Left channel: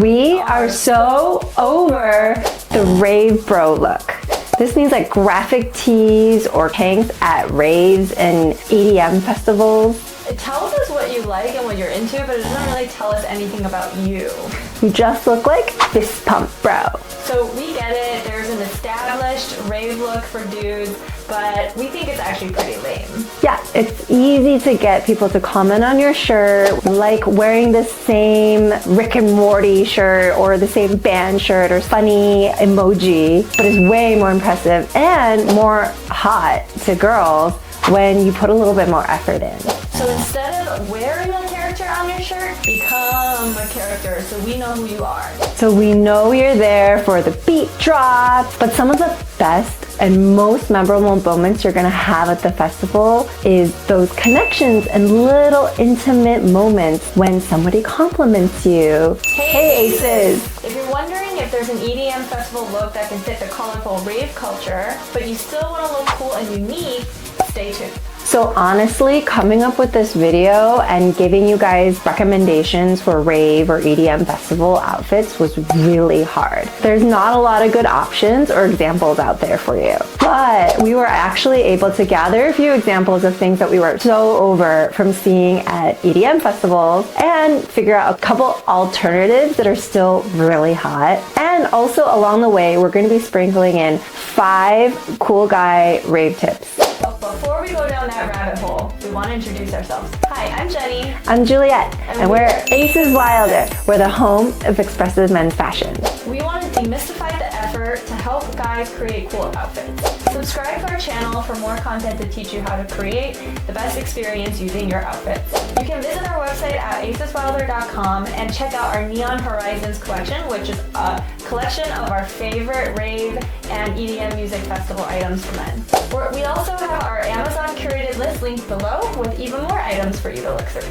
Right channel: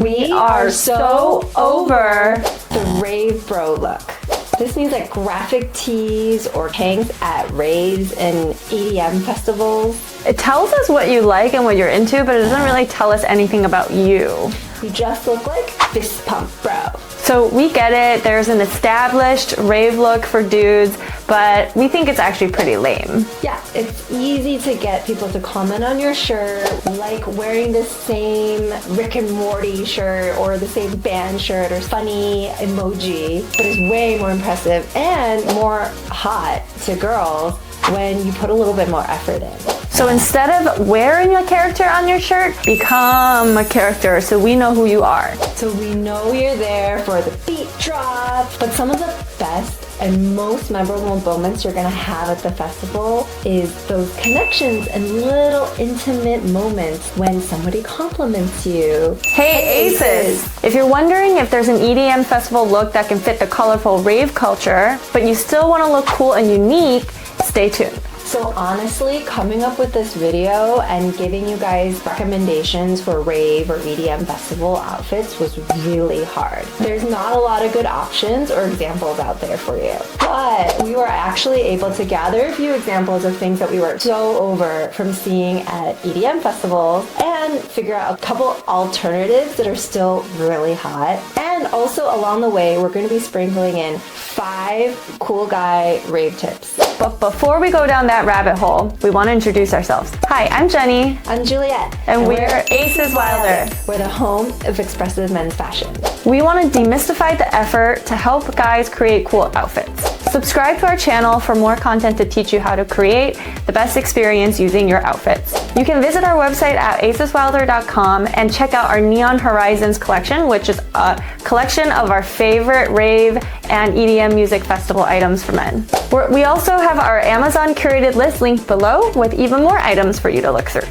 We are so over the rave bro look. This means like graphic tees or tanks at raves and EDM festivals. It tells us what you like and what you're into, but it doesn't really tell us anything about you. You just look like fist pump bro. So we get it, there's an established rave look for dudes, but we think it's actually pretty lame. Yeah, it's easy to get people to comment on your shirt, like wearing the same Rick and Morty shirt or the same band shirt or funny emoji, but it's way more impressive and more hot to girls when you put a little bit more effort in. So instead of wearing a character on your shirt, become a character so we know who you are. So we know you're there for the beat drop, but some of the best and most memorable moments you're gonna have at the festival is those connections and little intimate moments when somebody compliments you. Hey Aces! If you're wondering if there's an EDM festival look that can fit the colorful rave culture, but you still wanna look cool and unique, stay tuned. So honestly, coming up with this video and giving you guys recommendations for rave or EDM festival outfits was really hard. There's not a lot of good options or examples out there for you. But we were actually able to gather a few examples of things that we were so over from seeing at EDM festivals and figure out a couple alternatives that are still really hot. And also along the way, we're going to be sprinkling in 5 cool guy rave tips. But before we go down that rabbit hole, we want to introduce ourselves. Hi, I'm Jenny. I'm Juliet. And we're Aces Wilder. We're the home of expressive men's fashion. We want to demystify the effort to help guys create cool outfits. Subscribe to our channel for more content to teach you how to create the best experience using your outfits. You can visit our website at aceswilder.com and check out our Neon Horizons collection, which is a collection of our favorite rave and EDM music festival items for men. We also have our Amazon curated list linked below with even more items for you to look through.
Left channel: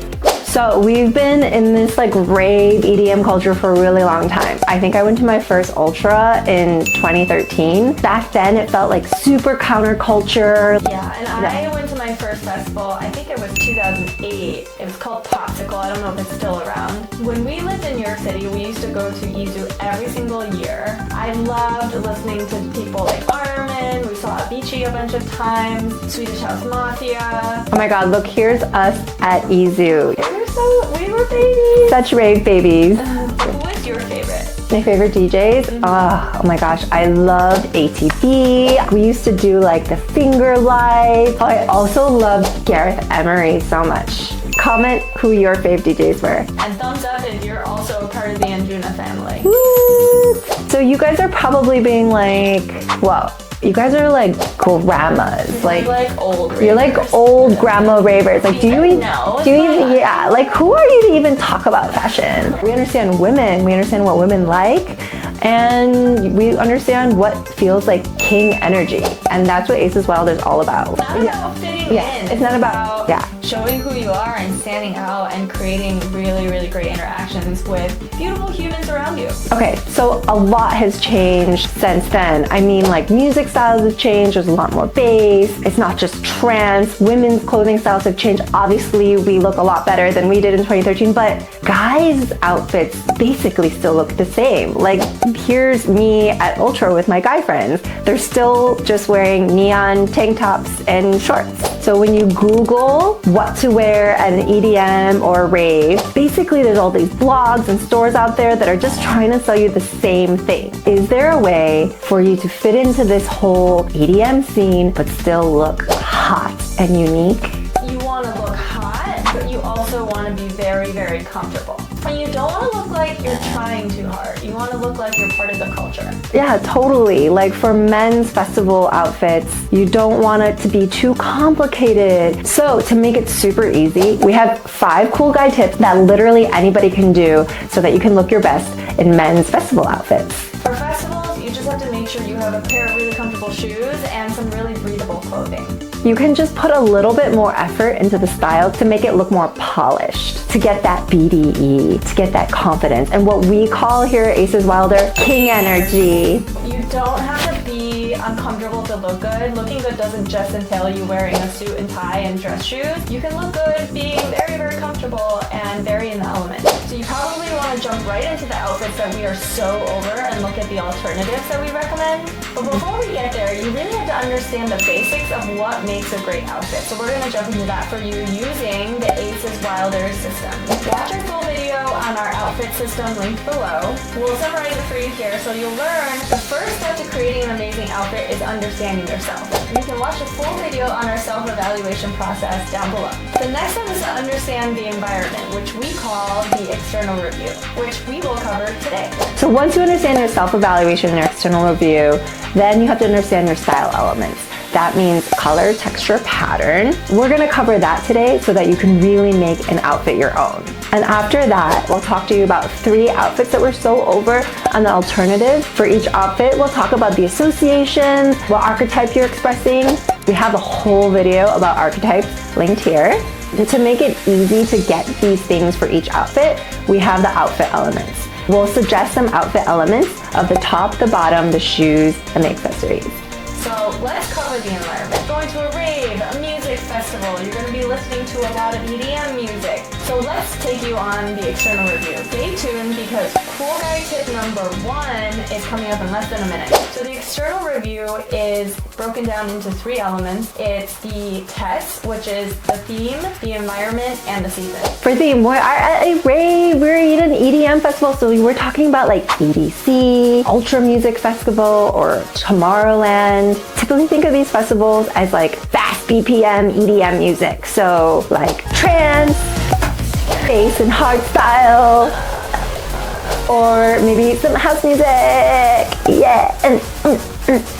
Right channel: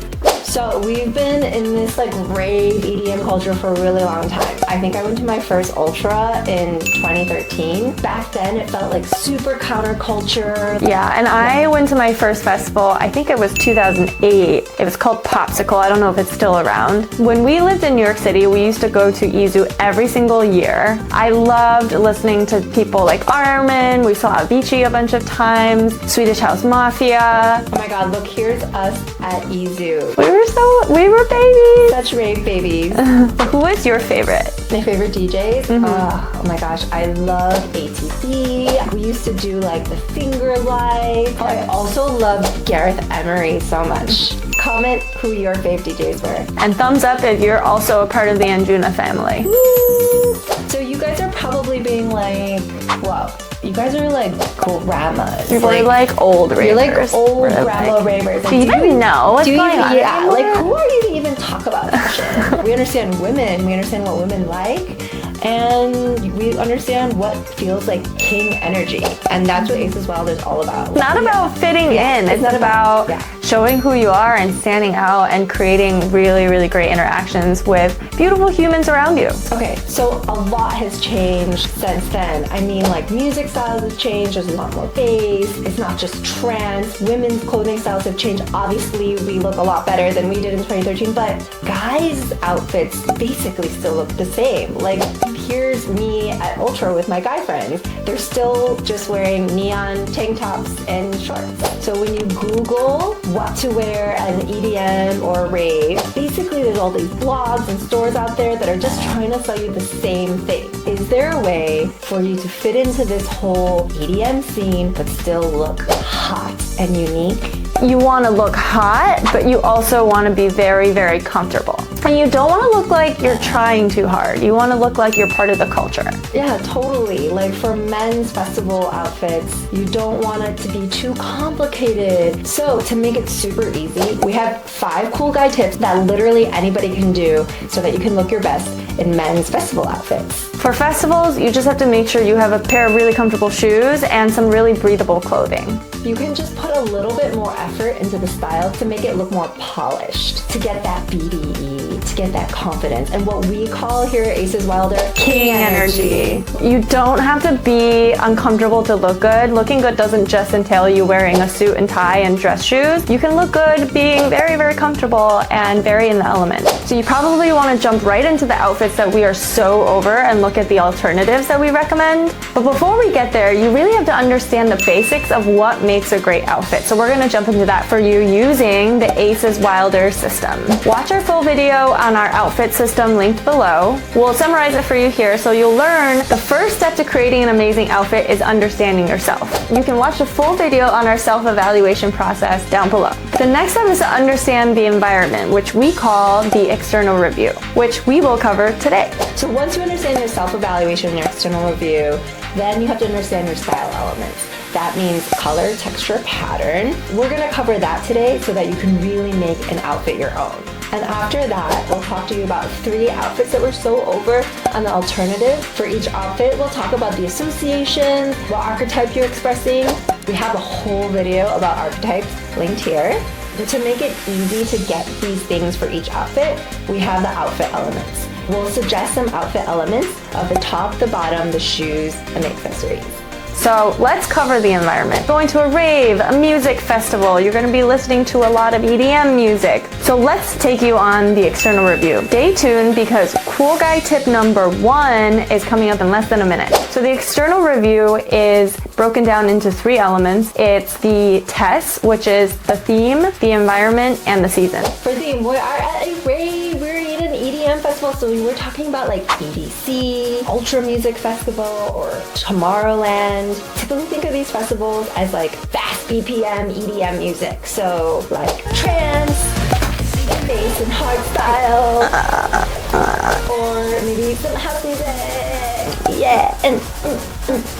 So we've been in this like rave EDM culture for a really long time. I think I went to my first Ultra in 2013. Back then it felt like super counterculture. Yeah, and I went to my first festival, I think it was 2008. It was called Popsicle. I don't know if it's still around. When we lived in New York City, we used to go to Izu every single year. I loved listening to people like Armin. We saw Avicii a bunch of times, Swedish House Mafia. Oh my God, look, here's us at Izu. We were babies. Such rave babies. Who is your favorite? My favorite DJs? Oh my gosh, I love ATB. We used to do like the Finger Life. I also love Gareth Emery so much. Comment who your fave DJs were. And thumbs up if you're also a part of the Anjuna family. Woo! So you guys are probably being like, whoa. You guys are like grandmas. You're like old ravers. You're like old grandma ravers. Like, do you know? Yeah, like who are you to even talk about fashion? We understand women. We understand what women like. And we understand what feels like king energy. And that's what Aces Wilder is all about. It's not about fitting in. It's not about showing who you are and standing out and creating really, really great interactions with beautiful humans around you. Okay, so a lot has changed since then. I mean, like music styles have changed. There's a lot more bass. It's not just trance. Women's clothing styles have changed. Obviously, we look a lot better than we did in 2013, but guys' outfits basically still look the same. Like, here's me at Ultra with my guy friends. They're still just wearing neon tank tops and shorts. So when you Google what to wear at an EDM or a rave, basically there's all these blogs and stores out there that are just trying to sell you the same thing. Is there a way for you to fit into this whole EDM scene but still look hot and unique? You want to look hot, but you also want to be very, very comfortable. And you don't want to look like you're trying too hard. You want to look like you're part of the culture. Yeah, totally. Like for men's festival outfits, you don't want it to be too complicated. So to make it super easy, we have 5 cool guy tips that literally anybody can do so that you can look your best in men's festival outfits. For festivals, you just have to make sure you have a pair of really comfortable shoes and some really breathable clothing. You can just put a little bit more effort into the style to make it look more polished, to get that BDE, to get that confidence, and what we call here at Aces Wilder, king energy. You don't have to be uncomfortable to look good. Looking good doesn't just entail you wearing a suit and tie and dress shoes. You can look good being very, very comfortable and very in the element. So you probably want to jump right into the outfits that we are so over and look at the alternatives that we recommend. But before we get there, you really have to understand the basics of what makes a great outfit. So we're going to jump into that for you using the Aces Wilder system. Watch our full video on our outfit system linked below. We'll summarize it for you here so you'll learn the first step to creating an amazing outfit is understanding yourself. You can watch the full video on our self-evaluation process down below. The next step is to understand the environment, which we call the external review, which we will cover today. So once you understand your self-evaluation and your external review, then you have to understand your style elements. That means color, texture, pattern. We're gonna cover that today so that you can really make an outfit your own. And after that, we'll talk to you about 3 outfits that we're so over on the alternative. For each outfit, we'll talk about the associations, what archetype you're expressing. We have a whole video about archetypes linked here. But to make it easy to get these things for each outfit, we have the outfit elements. We'll suggest some outfit elements of the top, the bottom, the shoes, and the accessories. So let's cover the environment. Going to a rave, a music festival, you're going to be listening to a lot of EDM music. So let's take you on the external review. Stay tuned because cool guy tip number 1 is coming up in less than a minute. So the external review is broken down into 3 elements. It's the test, which is the theme, the environment, and the season. For theme, we're at a rave, we're at an EDM festival, so we're talking about like EDC, Ultra Music Festival, or Tomorrowland. Typically think of these festivals as like fast BPM EDM music. So like trance, bass and hardstyle, or maybe some house music. Yeah.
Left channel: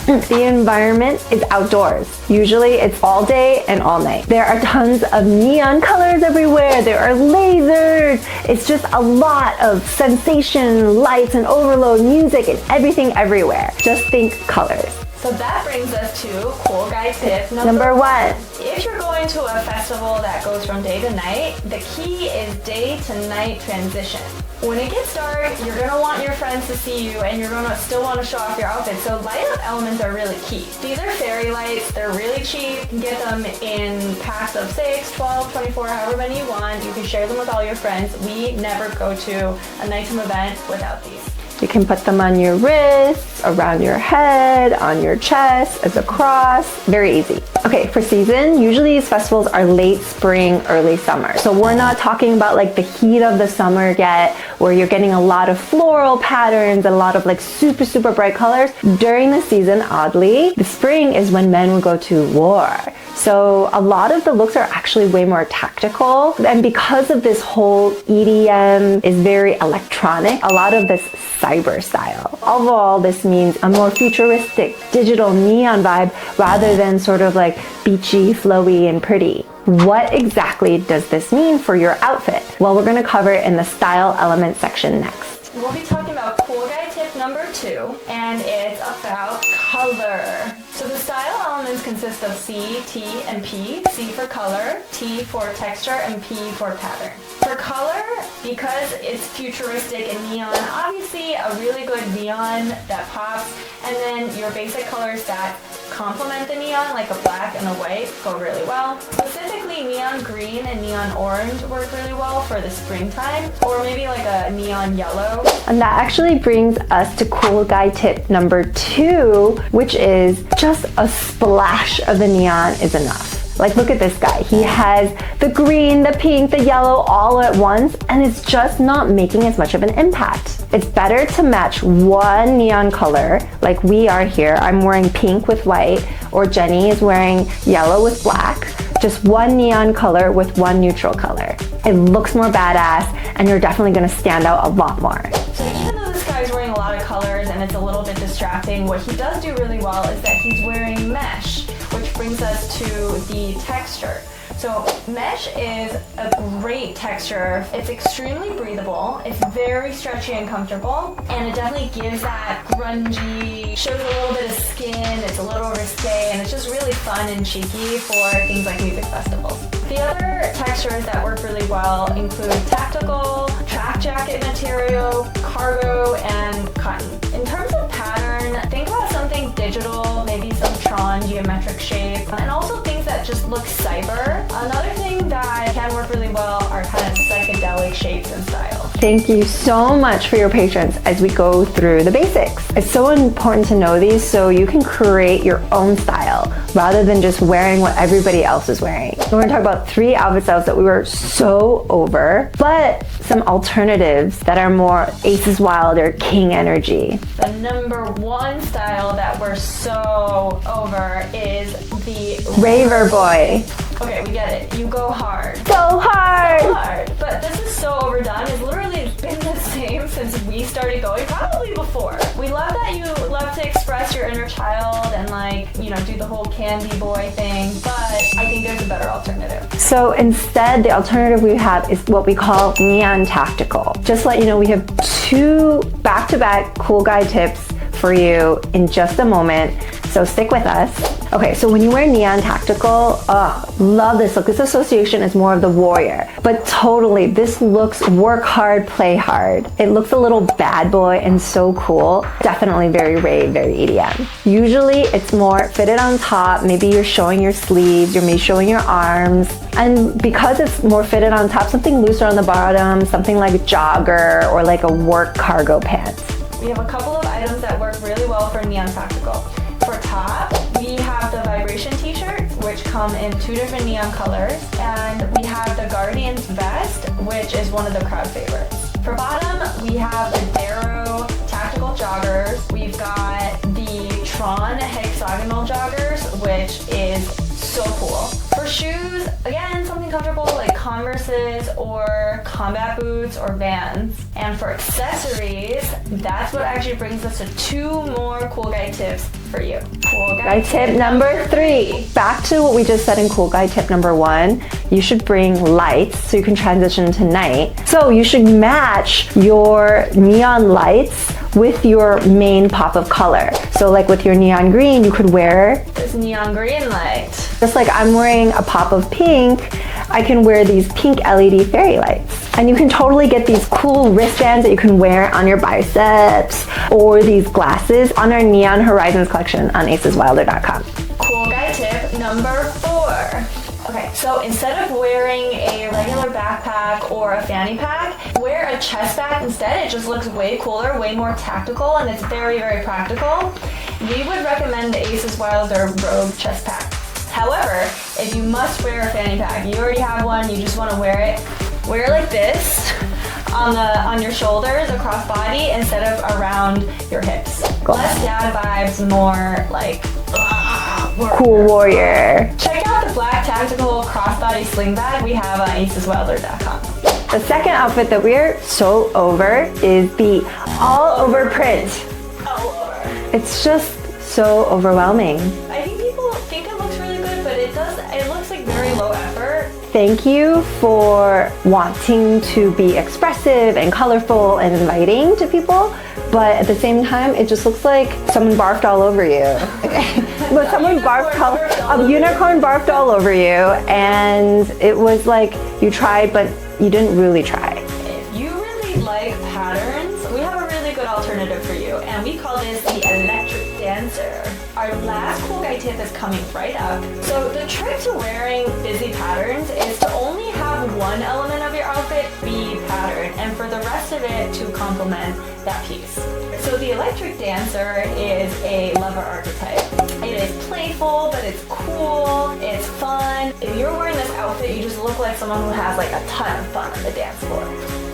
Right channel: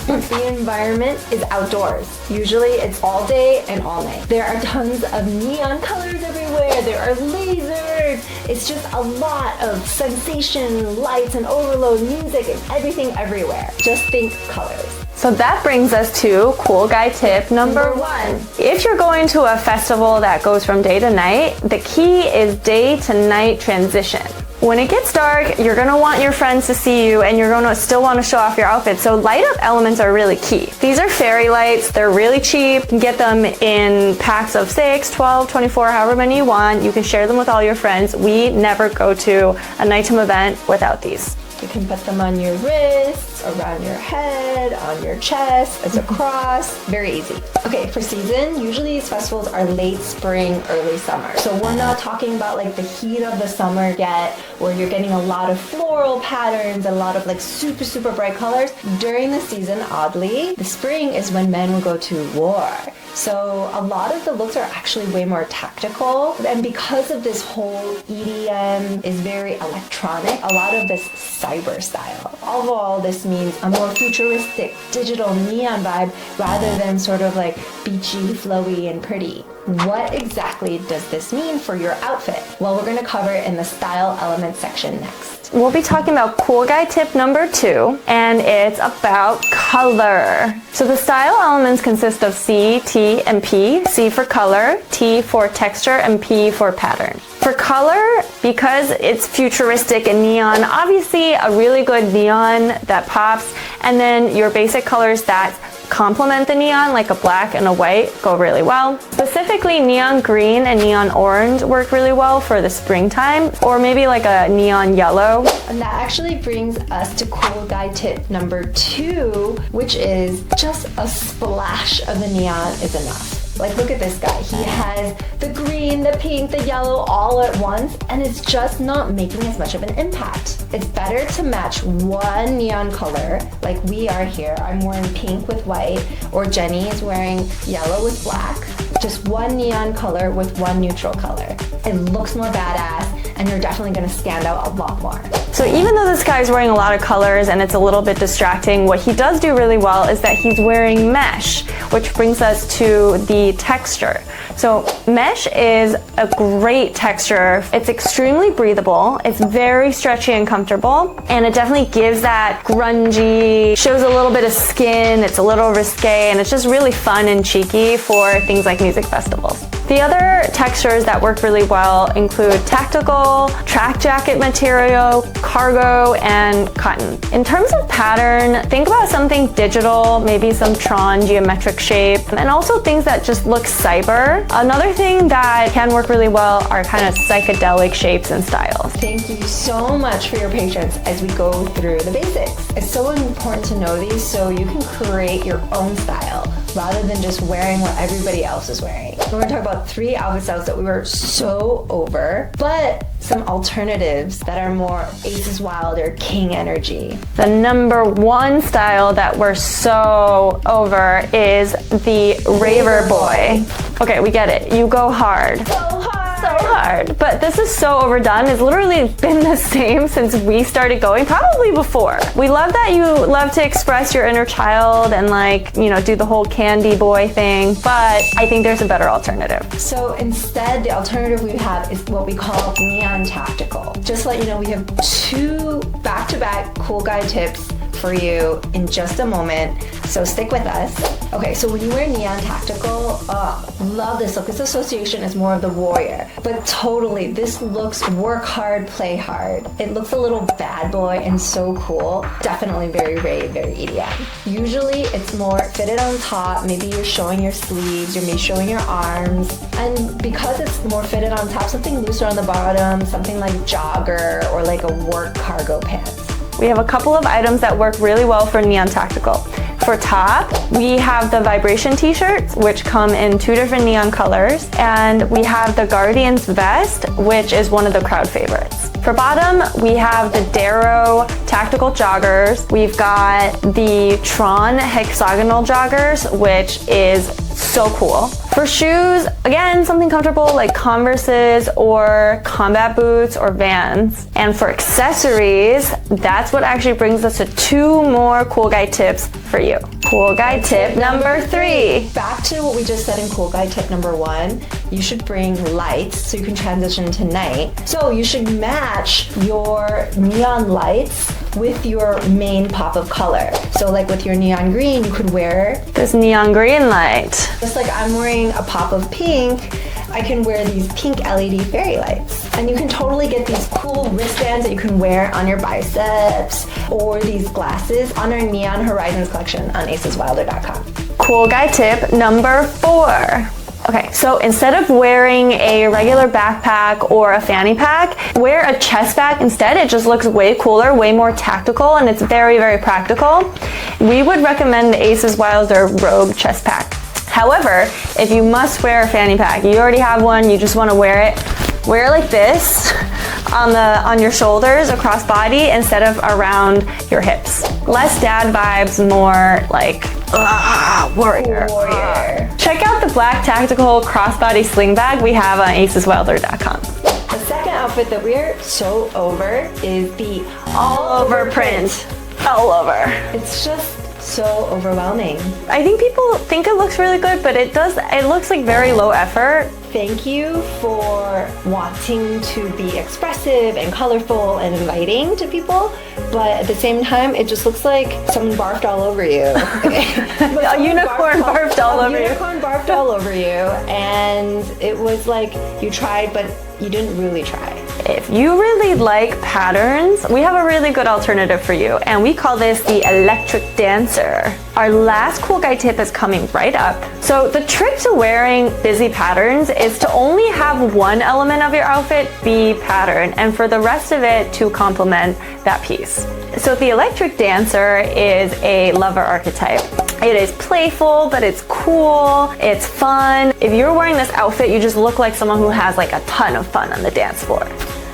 The environment is outdoors. Usually it's all day and all night. There are tons of neon colors everywhere. There are lasers. It's just a lot of sensation, lights and overload music. It's everything everywhere. Just think colors. So that brings us to cool guy tip number 1. If you're going to a festival that goes from day to night, the key is day to night transition. When it gets dark, you're gonna want your friends to see you and you're gonna still wanna show off your outfit. So light up elements are really key. These are fairy lights, they're really cheap. You can get them in packs of 6, 12, 24, however many you want. You can share them with all your friends. We never go to a nighttime event without these. You can put them on your wrists, around your head, on your chest, as a cross. Very easy. Okay, for season, usually these festivals are late spring, early summer. So we're not talking about like the heat of the summer yet, where you're getting a lot of floral patterns, a lot of like super, super bright colors. During the season, oddly, the spring is when men will go to war. So a lot of the looks are actually way more tactical. And because of this whole EDM is very electronic, a lot of this cyber style. Overall, this means a more futuristic digital neon vibe rather than sort of like beachy, flowy, and pretty. What exactly does this mean for your outfit? Well, we're gonna cover it in the style element section next. We'll be talking about cool guy tip number 2, and it's about color. So the style elements consist of C, T, and P. C for color, T for texture, and P for pattern. For color, because it's futuristic and neon, obviously a really good neon that pops, and then your basic colors that complement the neon, like a black and a white, go really well. Specifically, neon green and neon orange work really well for the springtime, or maybe like a neon yellow. And that actually brings us to cool guy tip number 2, which is just a splash of the neon is enough. Like, look at this guy. He has the green, the pink, the yellow all at once, and it's just not making as much of an impact. It's better to match one neon color, like we are here. I'm wearing pink with white, or Jenny is wearing yellow with black. Just one neon color with one neutral color. It looks more badass, and you're definitely gonna stand out a lot more. So even though this guy's wearing a lot of colors and it's a little bit distracting, what he does do really well is that he's wearing mesh, which brings us to the texture. So mesh is a great texture. It's extremely breathable. It's very stretchy and comfortable. And it definitely gives that grungy, shows a little bit of skin. It's a little risque, and it's just really fun and cheeky for things like music festivals. The other textures that work really well include tactical, track jacket material, cargo, and cotton. In terms of pattern, think about something digital, maybe some Tron geometric shape, and also things that just look cyber. Another thing that can work really well are kind of psychedelic shapes and styles. Thank you so much for your patience as we go through the basics. It's so important to know these so you can create your own style rather than just wearing what everybody else is wearing. We're gonna talk about 3 outfit styles that we were so over, but some alternatives that are more Aces Wild or King energy. The number 1 style that we're so over is the Raver Boy. Okay, we get it. You go hard. So hard! So hard. But this is so overdone. It's literally been the same since we started going, probably before. We love that you love to express your inner child and do the whole candy boy thing, but I think there's a better alternative. So instead, the alternative we have is what we call neon tactical. Just to let you know, we have 2 back-to-back cool guy tips for you in just a moment, so stick with us. Okay, so when you wear neon tactical, love this look. This association is more of the warrior, but totally, this looks work hard, play hard. It looks a little bad boy and so cool. Definitely very rave, very EDM. Usually it's more fitted on top, maybe you're showing your sleeves, you're maybe showing your arms, and because it's more fitted on top, something looser on the bottom, something like a jogger or like a work cargo pants. We have a couple of items that work really well for neon tactical. For top, we have the vibration t-shirts, which come in 2 different neon colors, and we have the Guardians vest, which is one of the crowd favorites. For bottom, we have the Darrow tactical joggers. We've got the Tron hexagonal joggers, which is so cool. For shoes, again, something comfortable like Converses or combat boots or Vans. And for accessories, that's what actually brings us to 2 more cool guy tips for you. Cool guy tip number 3. Back to what we just said in cool guy tip number 1, you should bring lights so you can transition to night. So you should match your neon lights with your main pop of color. So like with your neon green, you could wear this neon green light. Just like I'm wearing a pop of pink, I can wear these pink LED fairy lights. And you can totally get these cool wristbands that you can wear on your biceps, or these glasses on our Neon Horizons collection on aceswilder.com. Cool guy tip number 4. Okay, so instead of wearing a regular backpack or a fanny pack, wear a chest bag instead. It just looks way cooler, way more tactical, and it's very, very practical. We would recommend the Aces Wilder Rogue chest pack. However, if you must wear a fanny pack, you already have one, you just want to wear it like this on your shoulders across body instead of around your hips. Less dad vibes, more like warrior. Cool warrior. Check out the black tactical crossbody sling bag we have on aceswilder.com. The second outfit that we're so over is the all over print. All over. It's just so overwhelming. I think people think it looks really good, but it looks like very low effort. Thank you for wanting to be expressive and colorful and inviting to people, but at the same time, it just looks like someone barfed all over you. A unicorn barfed all over you, and it was like you tried, but you didn't really try. If you really like patterns, we have a really good alternative for you, and we call this the electric dancer. Our last cool guy tip is coming right up. So the trick to wearing busy patterns is to only have one element of your outfit be pattern, and for the rest of it to complement that piece. So the electric dancer is a lover archetype. It is playful, but it's cool, it's fun. If you're wearing this outfit, you just look like someone who has like a ton of fun on the dance floor.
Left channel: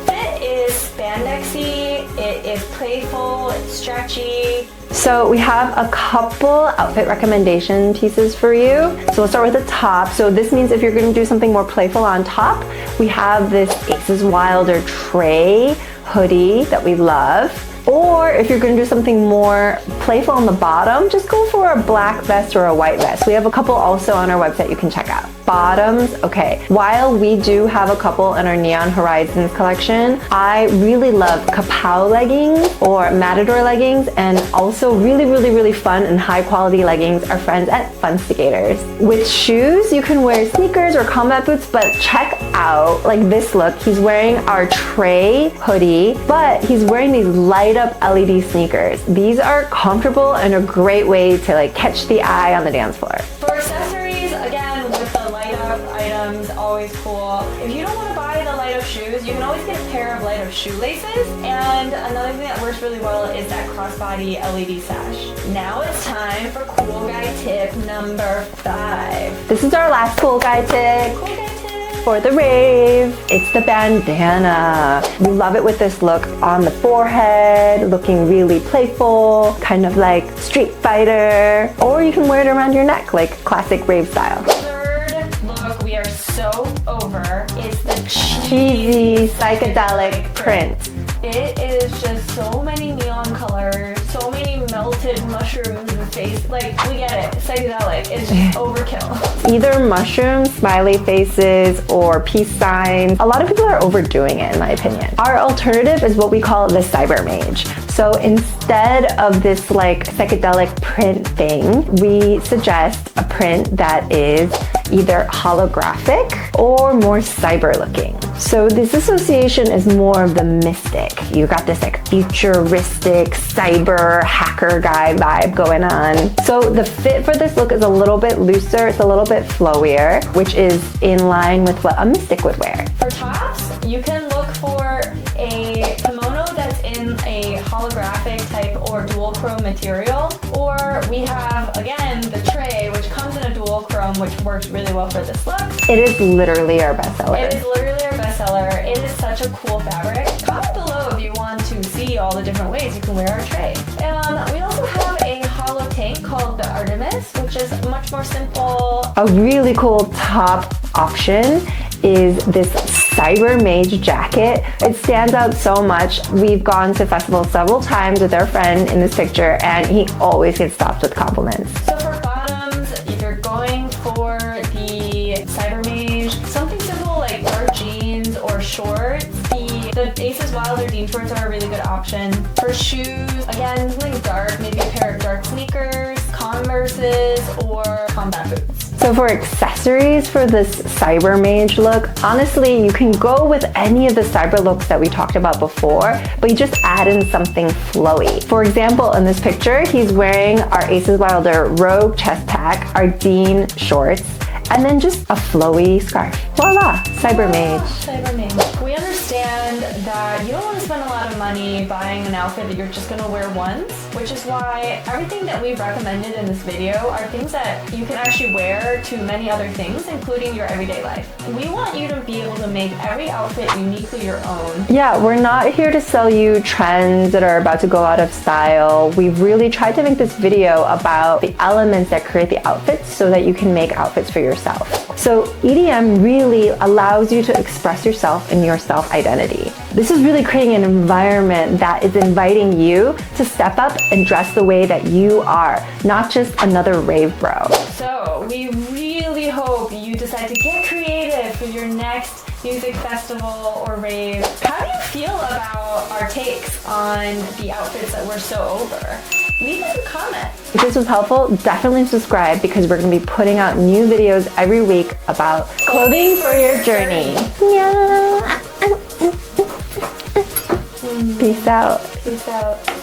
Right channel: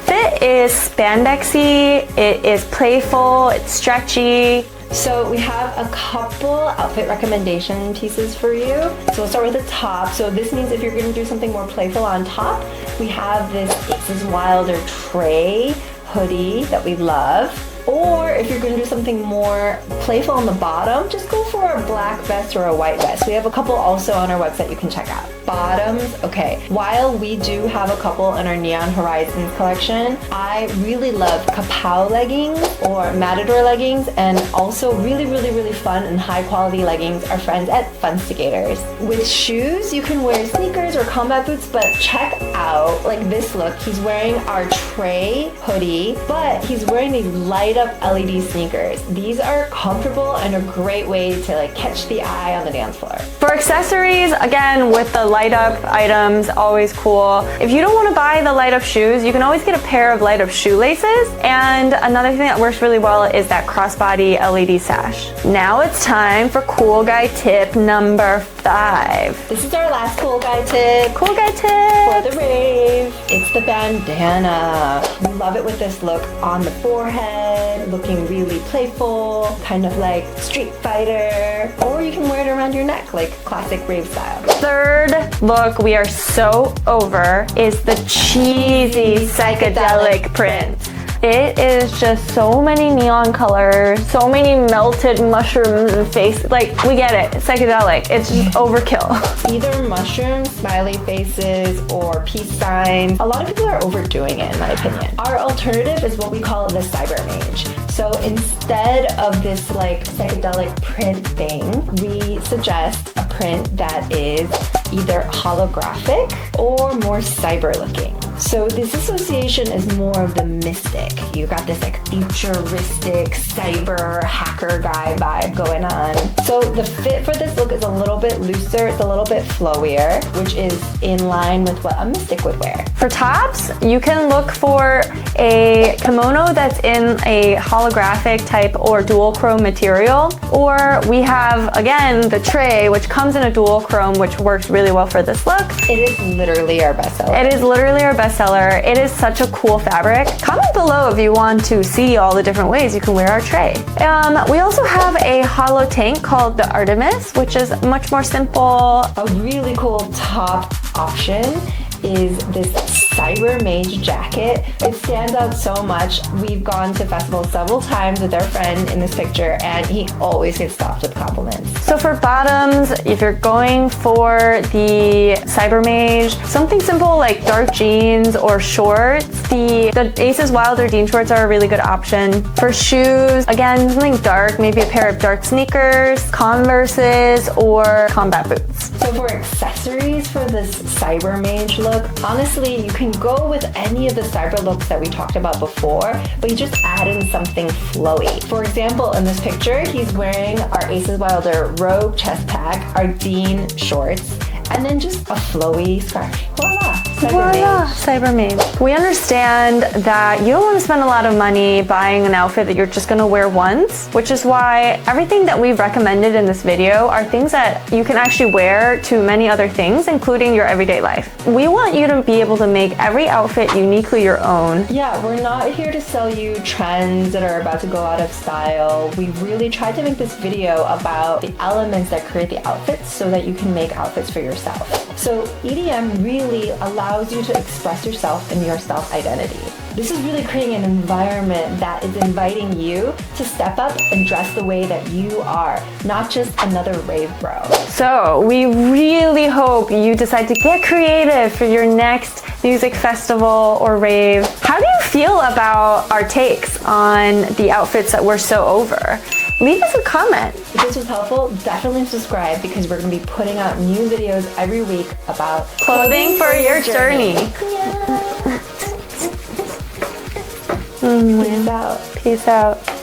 Fit is spandexy, it is playful, it's stretchy. So we have a couple outfit recommendation pieces for you. So we'll start with the top. So this means if you're gonna do something more playful on top, we have this Aces Wilder Tray hoodie that we love. Or if you're gonna do something more playful on the bottom, just go for a black vest or a white vest. We have a couple also on our website you can check out. Bottoms, okay. While we do have a couple in our Neon Horizons collection, I really love kapow leggings or matador leggings, and also really fun and high quality leggings our friends at Funstigators. With shoes, you can wear sneakers or combat boots, but check out like this look. He's wearing our Trey hoodie, but he's wearing these light up LED sneakers. These are comfortable and a great way to like catch the eye on the dance floor. For accessories, again, with the light up items, always cool. If you don't want to buy the light up shoes, you can always get a pair of light up shoelaces. And another thing that works really well is that crossbody LED sash. Now it's time for cool guy tip number 5. This is our last cool guy tip. Cool guy tip for the rave. It's the bandana. We love it with this look on the forehead, looking really playful, kind of like Street Fighter, or you can wear it around your neck like classic rave style. Third look we are so over is the cheesy psychedelic print. It is just so many neon colors, so many melted mushrooms and face. Like, we get it. It's psychedelic. It's just overkill. Either mushrooms, smiley faces, or peace signs. A lot of people are overdoing it, in my opinion. Our alternative is what we call the cyber mage. So instead of this like psychedelic print thing, we suggest a print that is either holographic or more cyber looking. So this association is more of the mystic. You got this like futuristic cyber hacker guy vibe going on. So the fit for this look is a little bit looser, it's a little bit flowier, which is in line with what a mystic would wear. For tops, you can look for a kimono that's in a holographic type or dual chrome material, or we have, again, the tray, which comes in a dual chrome, which works really well for this look. It is literally our bestseller. It is literally our bestseller. It is such a cool fabric. Comment below if you want to see all the different ways you can wear our tray. We also have a hollow tank called the Artemis, which is much more simple. A really cool top option is this cyber mage jacket. It stands out so much. We've gone to festivals several times with our friend in this picture, and he always gets stopped with compliments. So for bottoms, if you're going for the cyber mage, something simple like dark jeans or shorts, the Aces Wilder jean shorts are a really good option. For shoes, again, something dark, maybe a pair of dark sneakers, Converses, or combat boots. So for accessories for this cyber mage look, honestly, you can go with any of the cyber looks that we talked about before, but you just add in something flowy. For example, in this picture, he's wearing our Aces Wilder Rogue chest pack, our Dean shorts, and then just a flowy scarf. Voila, cyber mage. Cyber mage. We understand that you don't want to spend a lot of money buying an outfit that you're just going to wear once, which is why everything that we've recommended in this video are things that you can actually wear to many other things, including your everyday life. We want you to be able to make every outfit uniquely your own. Yeah, we're not here to sell you trends that are about to go out of style. We've really tried to make this video about the elements that create the outfits so that you can make outfits for yourself. So EDM really allows you to express yourself in your self-identity. This is really creating an environment that is inviting you to step up and dress the way that you are, not just another rave bro. So we really hope you decide to get creative for your next music festival or rave. How do you feel about our takes on the outfits that we're so over? Leave us a comment. If this was helpful, definitely subscribe because we're going to be putting out new videos every week about clothing for your journey. Yeah. Peace out. Peace out.